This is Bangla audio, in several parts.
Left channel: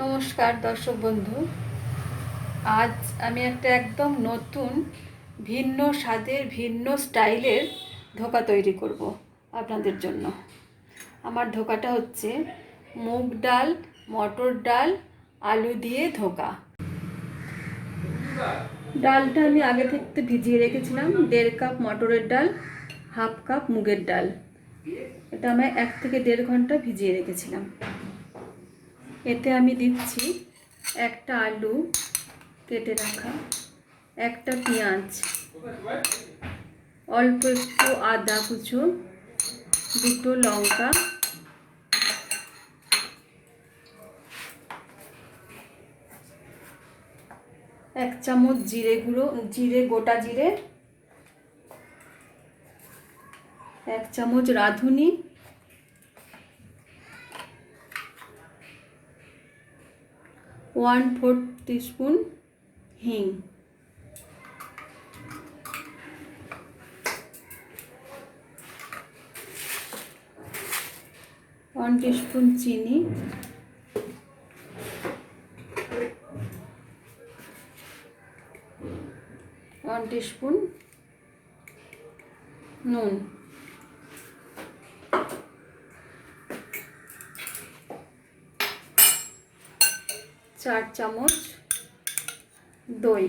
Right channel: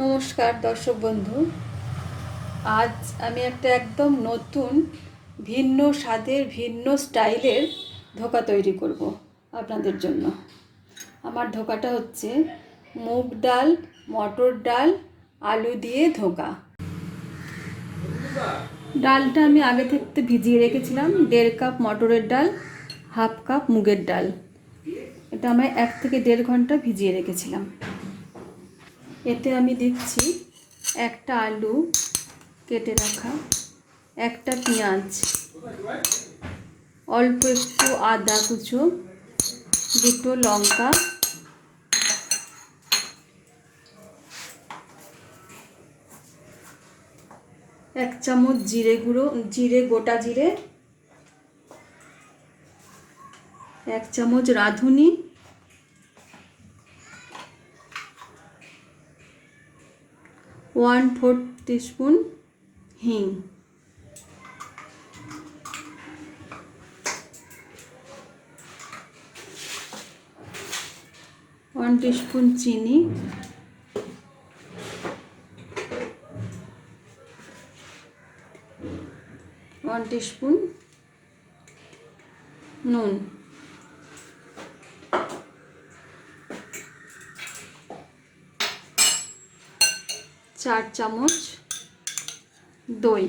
নমস্কার দর্শক বন্ধু। আজ আমি একটা একদম নতুন ভিন্ন স্বাদের ভিন্ন স্টাইলের ধোকা তৈরি করব আপনাদের জন্য। আমার ধোকাটা হচ্ছে মুগ ডাল, মটর ডাল, আলু দিয়ে ধোকা। ডালটা আমি আগে থেকে ভিজিয়ে রেখেছিলাম, 1.5 কাপ মটরের ডাল, 1/2 কাপ মুগের ডাল। এটা আমি 1 থেকে 1.5 ঘন্টা ভিজিয়ে রেখেছিলাম। এতে আমি দিচ্ছি একটা আলু কেটে রাখা, একটা পেঁয়াজ, অল্প একটু আদা কুচো, 2টো লঙ্কা, 1 চামচ জিরে গুঁড়ো, গোটা জিরে, 1 চামচ রাঁধুনি, 1/4 টিস্পুন হিং, 1 টিস্পুন চিনি, 1 টিস্পুন নুন, 4 চামচ দই।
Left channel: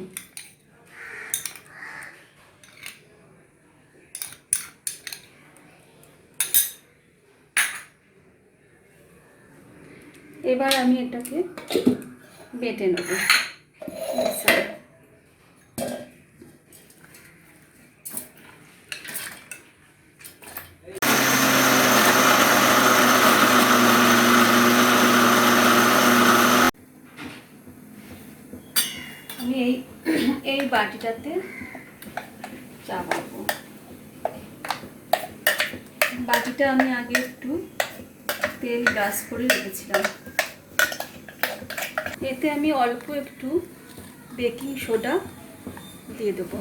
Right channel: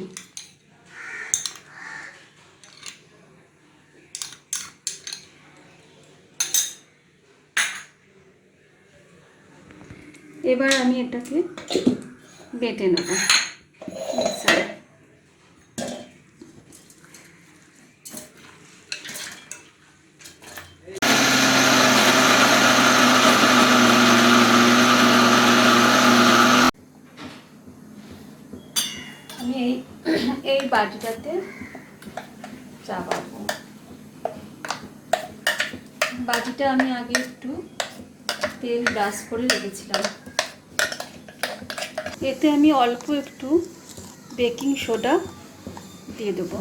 এবার আমি এটাকে বেটে নেব। আমি এই বাটিটাতে চা বানাবো। বাটিটা আমি আগে একটু তেল ব্রাশ করে রেখেছিলাম। এতে আমি অল্প একটু বেকিং সোডা দিয়ে দেবো,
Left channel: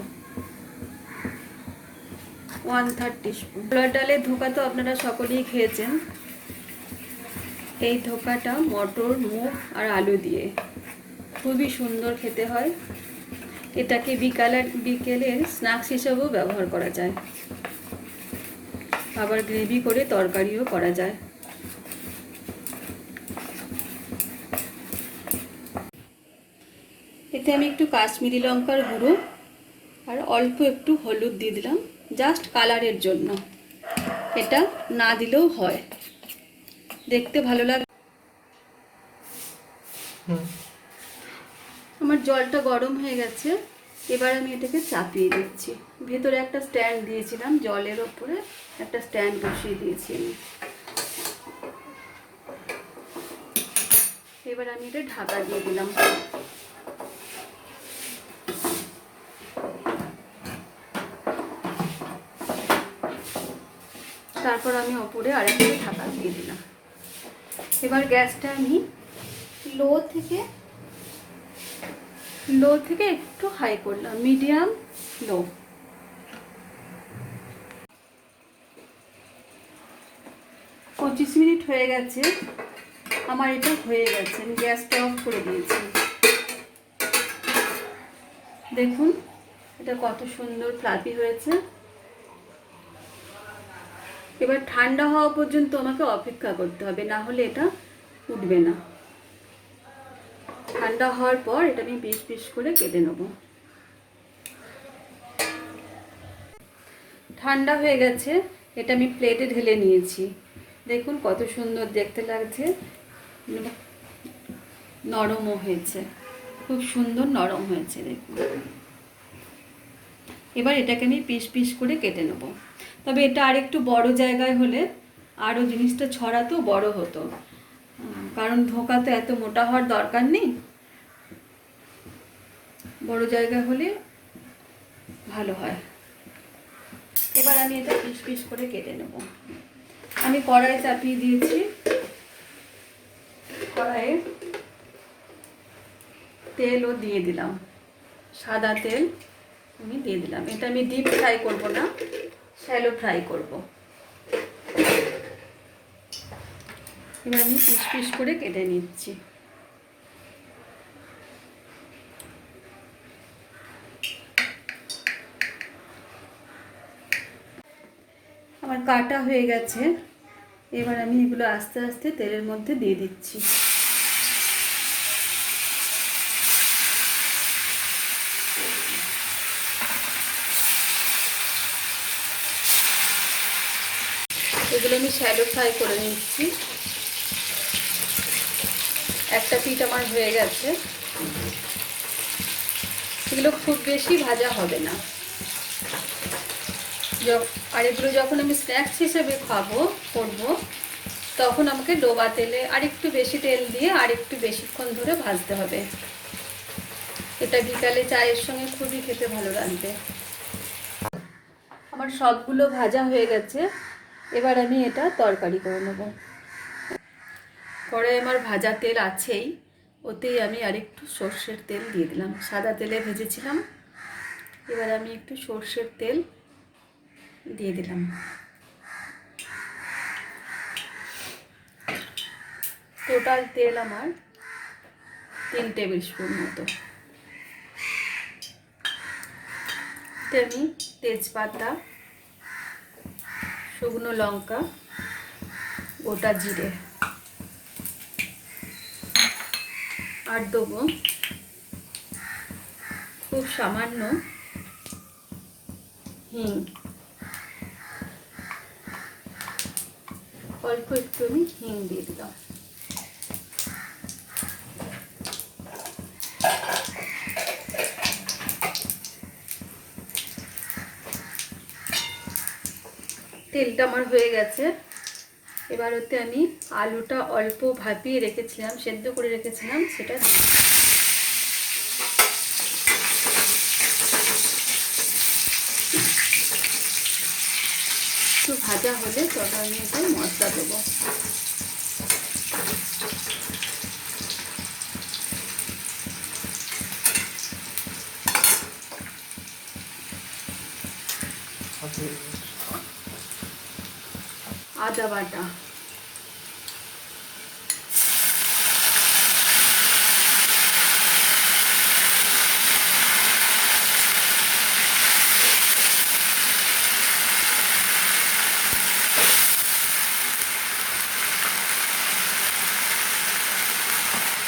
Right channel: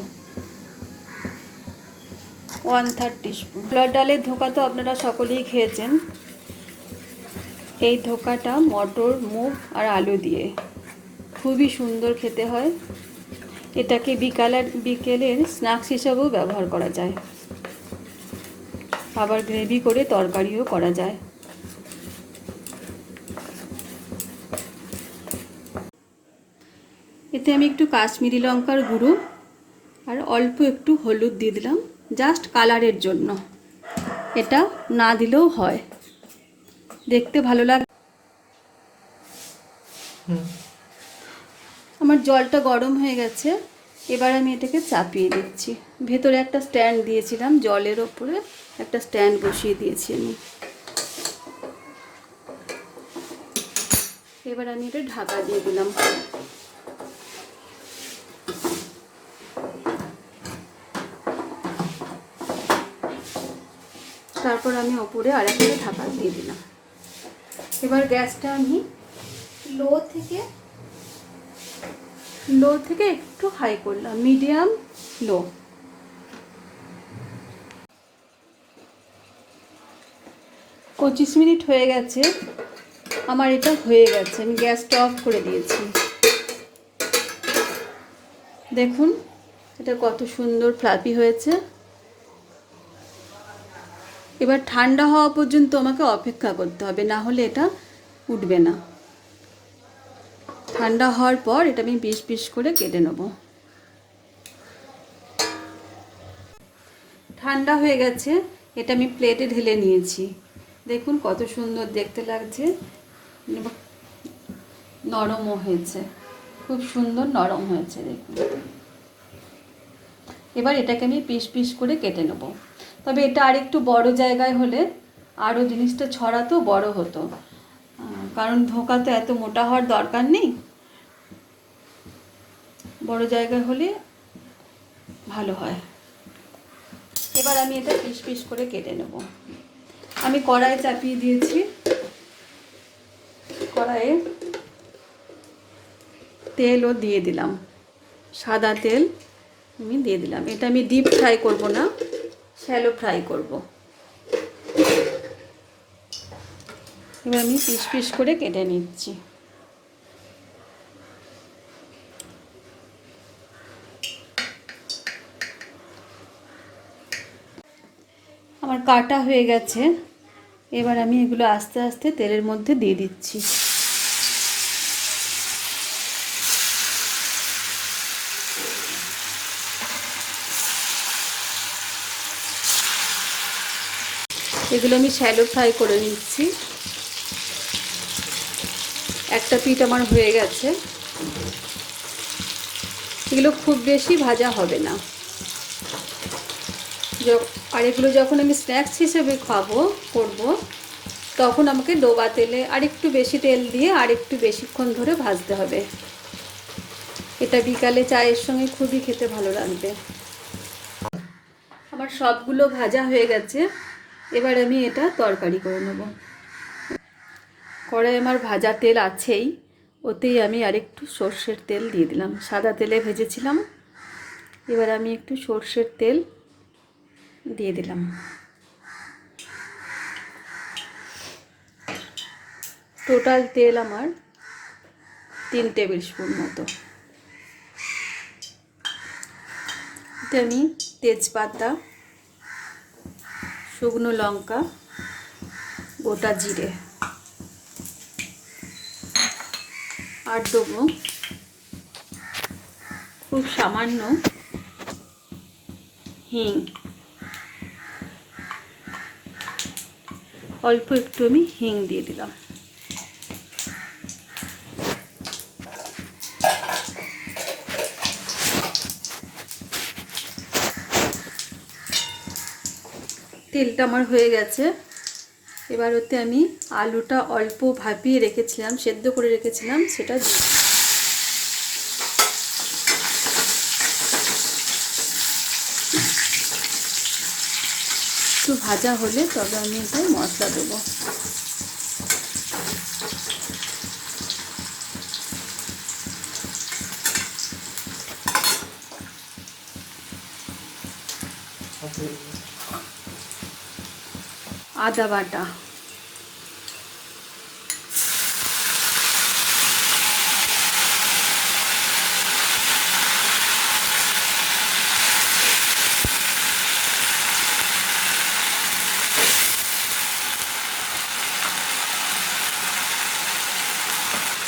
1/3 টিস্পুন। ছোলার ডালের ধোকা তো আপনারা সকলেই খেয়েছেন। এই ধোকাটা মটর, মুগ আর আলু দিয়ে খুবই সুন্দর খেতে হয়। এটাকে বিকেলের স্ন্যাক্স হিসাবেও ব্যবহার করা যায়, আবার গ্রেভি করে তরকারিও করা যায়। এতে আমি একটু কাশ্মীরি লঙ্কার গুঁড়ো আর অল্প একটু হলুদ দিয়ে দিলাম, জাস্ট কালারের জন্য। এটা না দিলেও হয়, দেখতে ভালো লাগে। আমার জলটা গরম হয়ে গেছে, এবার আমি এটাকে চাপিয়ে দিচ্ছি। ভেতরে একটা স্ট্যান্ড দিয়েছিলাম, জলের ওপরে একটা স্ট্যান্ড বসিয়ে দিয়েছি আমি। এবার আমি এটা ঢাকা দিয়ে দিলাম। তারপর আমি ওপরে আরেকটা ঢাকা দিয়ে দিলাম। এবার গ্যাসটা আমি লো থেকে একটু হাই করলাম, মিডিয়াম লো। পঁচিশ মিনিট হয়ে গেছে, আমার এটা হয়ে গেছে। আমি গ্যাসটা অফ করে দিয়েছি। দেখুন এটা কত সুন্দর ফ্লাফি হয়েছে। এবার ঠান্ডা হওয়া পর্যন্ত আমাকে অপেক্ষা করতে হবে, না হলে এটা উঠবে না। ঠান্ডা হওয়ার পর এটা আমি পিস পিস করে কেটে নেব। ঠান্ডা হয়ে গেছে, এটা আমি প্লেটে ঢেলে নিয়েছি। দেখুন কত সুন্দর দেখতে লাগছে, নরমও হয়েছে, খুব সুন্দর নরম হয়েছে দেখুন। এবার এটাকে আমি পিস পিস করে কেটে নেব। তবে এটা আরেকটু বড় জায়গায় হলে আরও জিনিসটা ছড়াতো বড় হতো, কারণ ধোঁকা তো এত মোটা হওয়ার দরকার নেই। বড় জায়গায় হলে ভালো হয়। এবার আমি এটা পিস পিস করে কেটে নেব। আমি কড়াই চাপিয়ে দিয়েছি। কড়াইয়ে তেলও দিয়ে দিলাম, সাদা তেল আমি দিয়ে দিলাম। এটা আমি ডিপ ফ্রাই করব না, শ্যালো ফ্রাই করব। এবার আমি পিস পিস করে কেটে নিচ্ছি। কাটা হয়ে গেছে। এবার আমি এগুলো আস্তে আস্তে তেলের মধ্যে দিয়ে দিচ্ছি। এগুলো আমি শ্যালো ফ্রাই করে নিচ্ছি। একটা পিঠ আমার হয়ে গেছে। এগুলো খুব বেশি ভাজা হবে না। আর এগুলো যখন আমি স্ন্যাক্স হিসেবে করবো, তখন আমাকে ডোবা তেলে আরেকটু বেশি তেল দিয়ে আরেকটু বেশিক্ষণ ধরে ভাজতে হবে। এটা বিকালে চায়ের সঙ্গে খুবই খেতে ভালো লাগবে। আমার সবগুলো ভাজা হয়ে গেছে। এবার আমি এটা তরকারি করে নেব। কড়াই আমার ভাজা তেল আছেই, ওতেই আমি আরেকটু সর্ষের তেল দিয়ে দিলাম। সাদা তেলে ভেজেছিলাম, এবার আমি একটু সর্ষের তেল দিয়ে দিলাম। টোটাল তেল আমার 3 টেবিল স্পুন মতো। এতে আমি তেজপাতা, শুকনো লঙ্কা, গোটা জিরে আর দেবো খুব সামান্য হিং। অল্প একটু আমি হিং দিয়ে দিলাম। তেলটা আমার হয়ে গেছে। এবার ওতে আমি আলুটা অল্প ভাপিয়ে রেখেছিলাম, সেদ্ধ করে রেখেছিলাম, সেটা দিয়ে একটু ভাজা হলে তবে আমি এতে মশলা দেবো। আদা বাটা,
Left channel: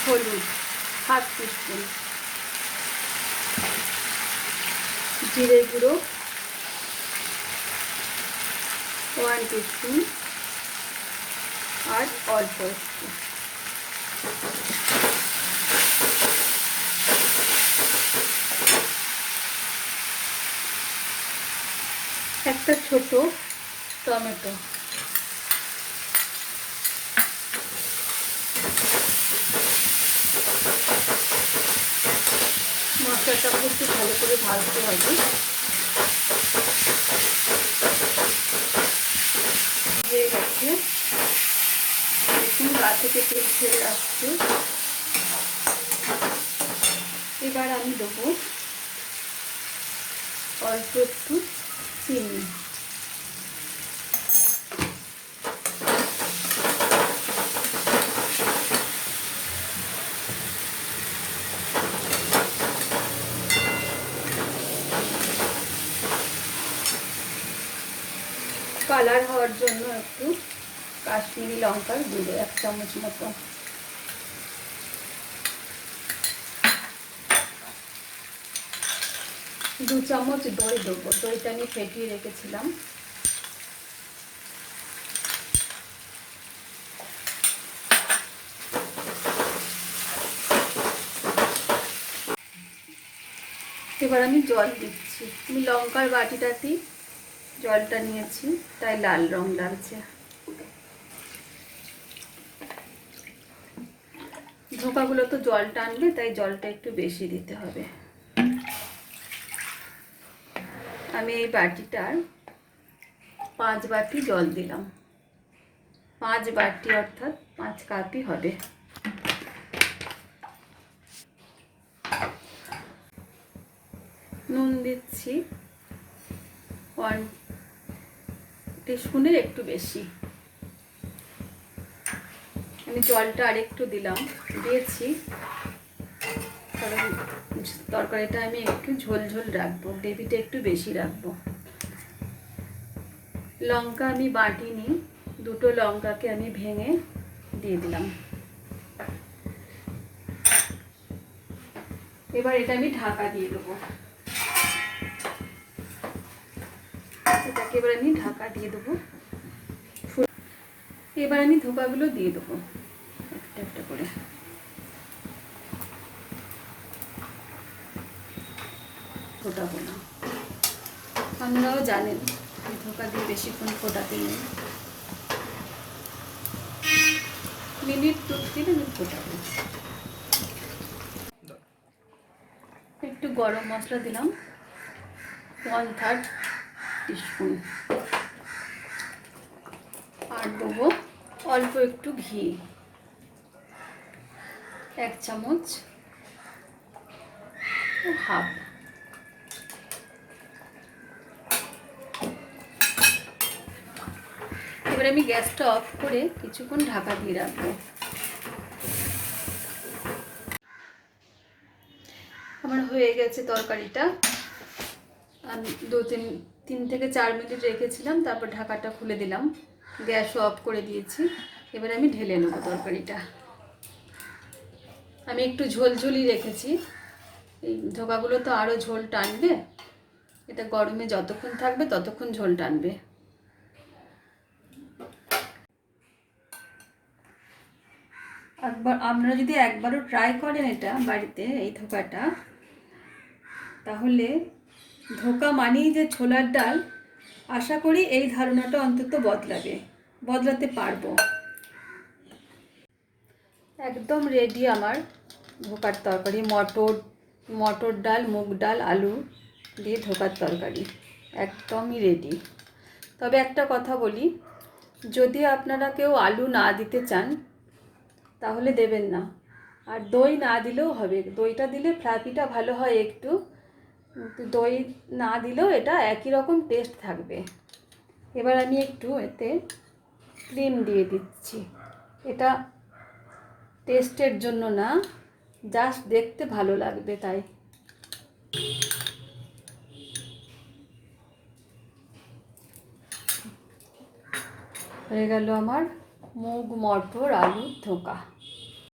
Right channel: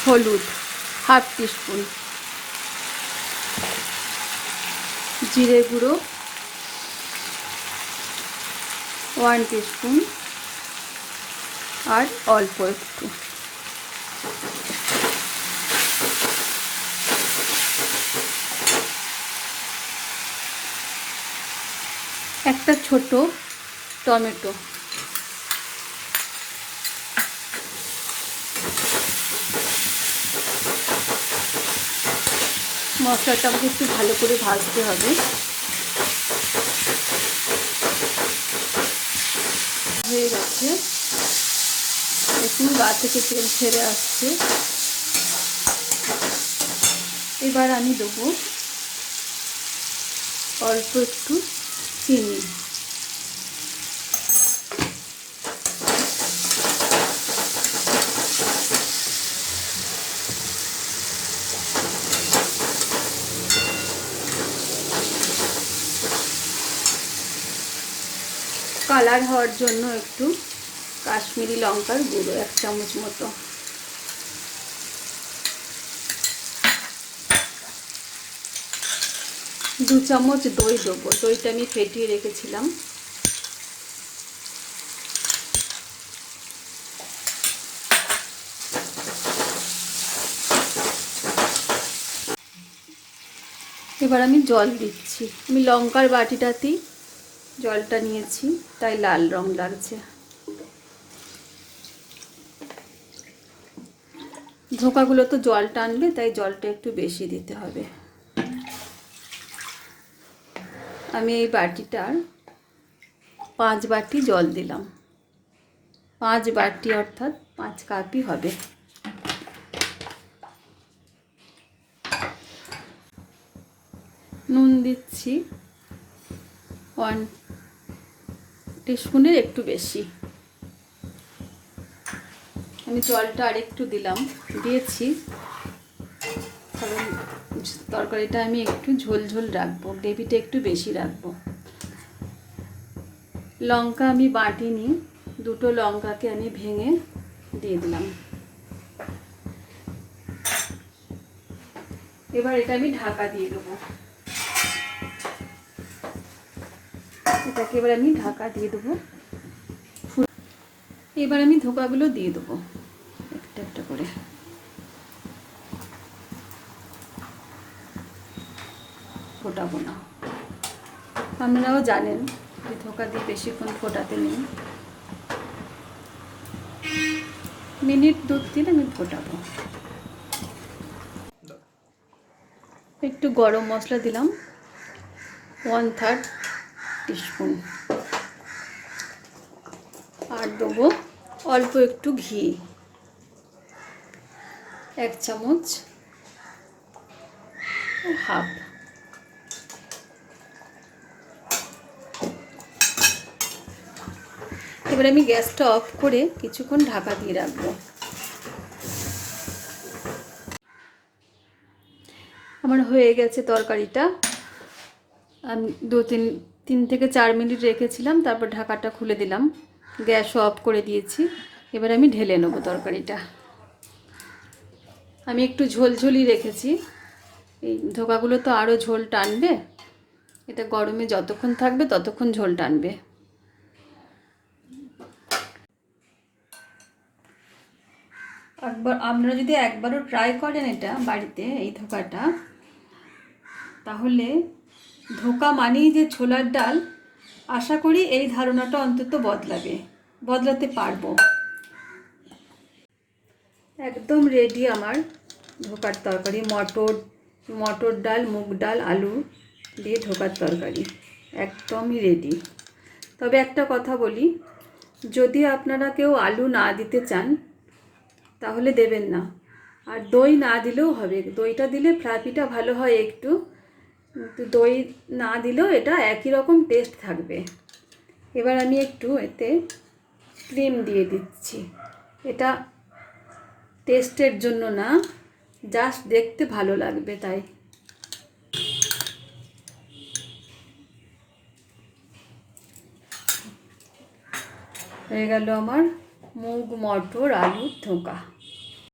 হলুদ 1/2 টিস্পুন, জিরে গুঁড়ো 1 টিস্পুন, আর অল্প একটু একটা ছোট টমেটো। মশলাটাকে একটু ভালো করে ভাজতে হবে। হয়ে গেছে, দেখুন গা থেকে তেল ছেড়ে আসছে। এবার আমি দেবো অল্প একটু চিনি। কালার হওয়ার জন্য একটু কাশ্মীরি লঙ্কার গুঁড়ো 1 চামচ মতো। দু চামচ দই দেবো। দইটা আমি ফেটিয়ে রেখেছিলাম। এবার আমি জল দিচ্ছি। আমি লঙ্কার বাটিটাতেই জলটা নিয়েছি, তাই লাল রং লাগছে। ধোকাগুলো তো জল টানবে, তাই জলটা একটু বেশি দিতে হবে। আমি এই বাটিটার 5 বাটি জল দিলাম। 5 বাটি অর্থাৎ 5 কাপই হবে। নুন দিচ্ছি 1 টিস্পুনের একটু বেশি। আমি জলটা আরেকটু দিয়েছি, তরকারিটা আমি একটু ঝোল ঝোল রাখবো, গ্রেভিটা একটু বেশি রাখবো। লঙ্কা আমি বাটিনি, দুটো লঙ্কাকে আমি ভেঙে দিয়ে দিলাম। এবার এটা আমি ঢাকা দিয়ে দেবো। এটাকে এবার আমি ঢাকা দিয়ে দেবো। এবার আমি ধোকাগুলো দিয়ে দেবো একটা একটা করে। ফোটাবো না, আপনারাও জানেন ধোকা দিয়ে বেশিক্ষণ ফোটাতে নেই, মিনিট 2-3 আমি ফোটাবো। একটু গরম মশলা দিলাম 1/3 টিস্পুন, আর দেবো অল্প একটু ঘি 1 চামচ হাফ। এবার আমি গ্যাসটা অফ করে কিছুক্ষণ ঢাকা দিয়ে রাখবো। আমার হয়ে গেছে তরকারিটা। আমি 3 থেকে 4 মিনিট রেখেছিলাম, তারপর ঢাকাটা খুলে দিলাম, গ্যাসও অফ করে দিয়েছি। এবার আমি ঢেলে নেবো তরকারিটা। আমি একটু ঝোলঝোলি রেখেছি, এই ধোকাগুলো তো আরও ঝোল টানবে, এটা গরমে যতক্ষণ থাকবে ততক্ষণ ঝোল টানবে। আপনারা যদি একবারও ট্রাই করেন এটা বাড়িতে, এই ধোকাটা, তাহলে ধোকা মানেই যে ছোলার ডাল, আশা করি এই ধারণাটা অন্তত বদলাতে পারবো। একদম রেডি আমার ধোকার তরকারি। মটর ডাল, মুগ ডাল, আলু দিয়ে ধোকার তরকারি একদমই রেডি। তবে একটা কথা বলি, যদি আপনারা কেউ আলু না দিতে চান তাহলে দেবেন না, আর দই না দিলেও হবে। দইটা দিলে ফ্লাফিটা ভালো হয় একটু, দই না দিলেও এটা একই রকম টেস্ট থাকবে। এবার আমি একটু এতে ক্রিম দিয়ে দিচ্ছি। এটা টেস্টের জন্য না, জাস্ট দেখতে ভালো লাগবে তাই। হয়ে গেল আমার মুগ মটর আলুর ধোকা।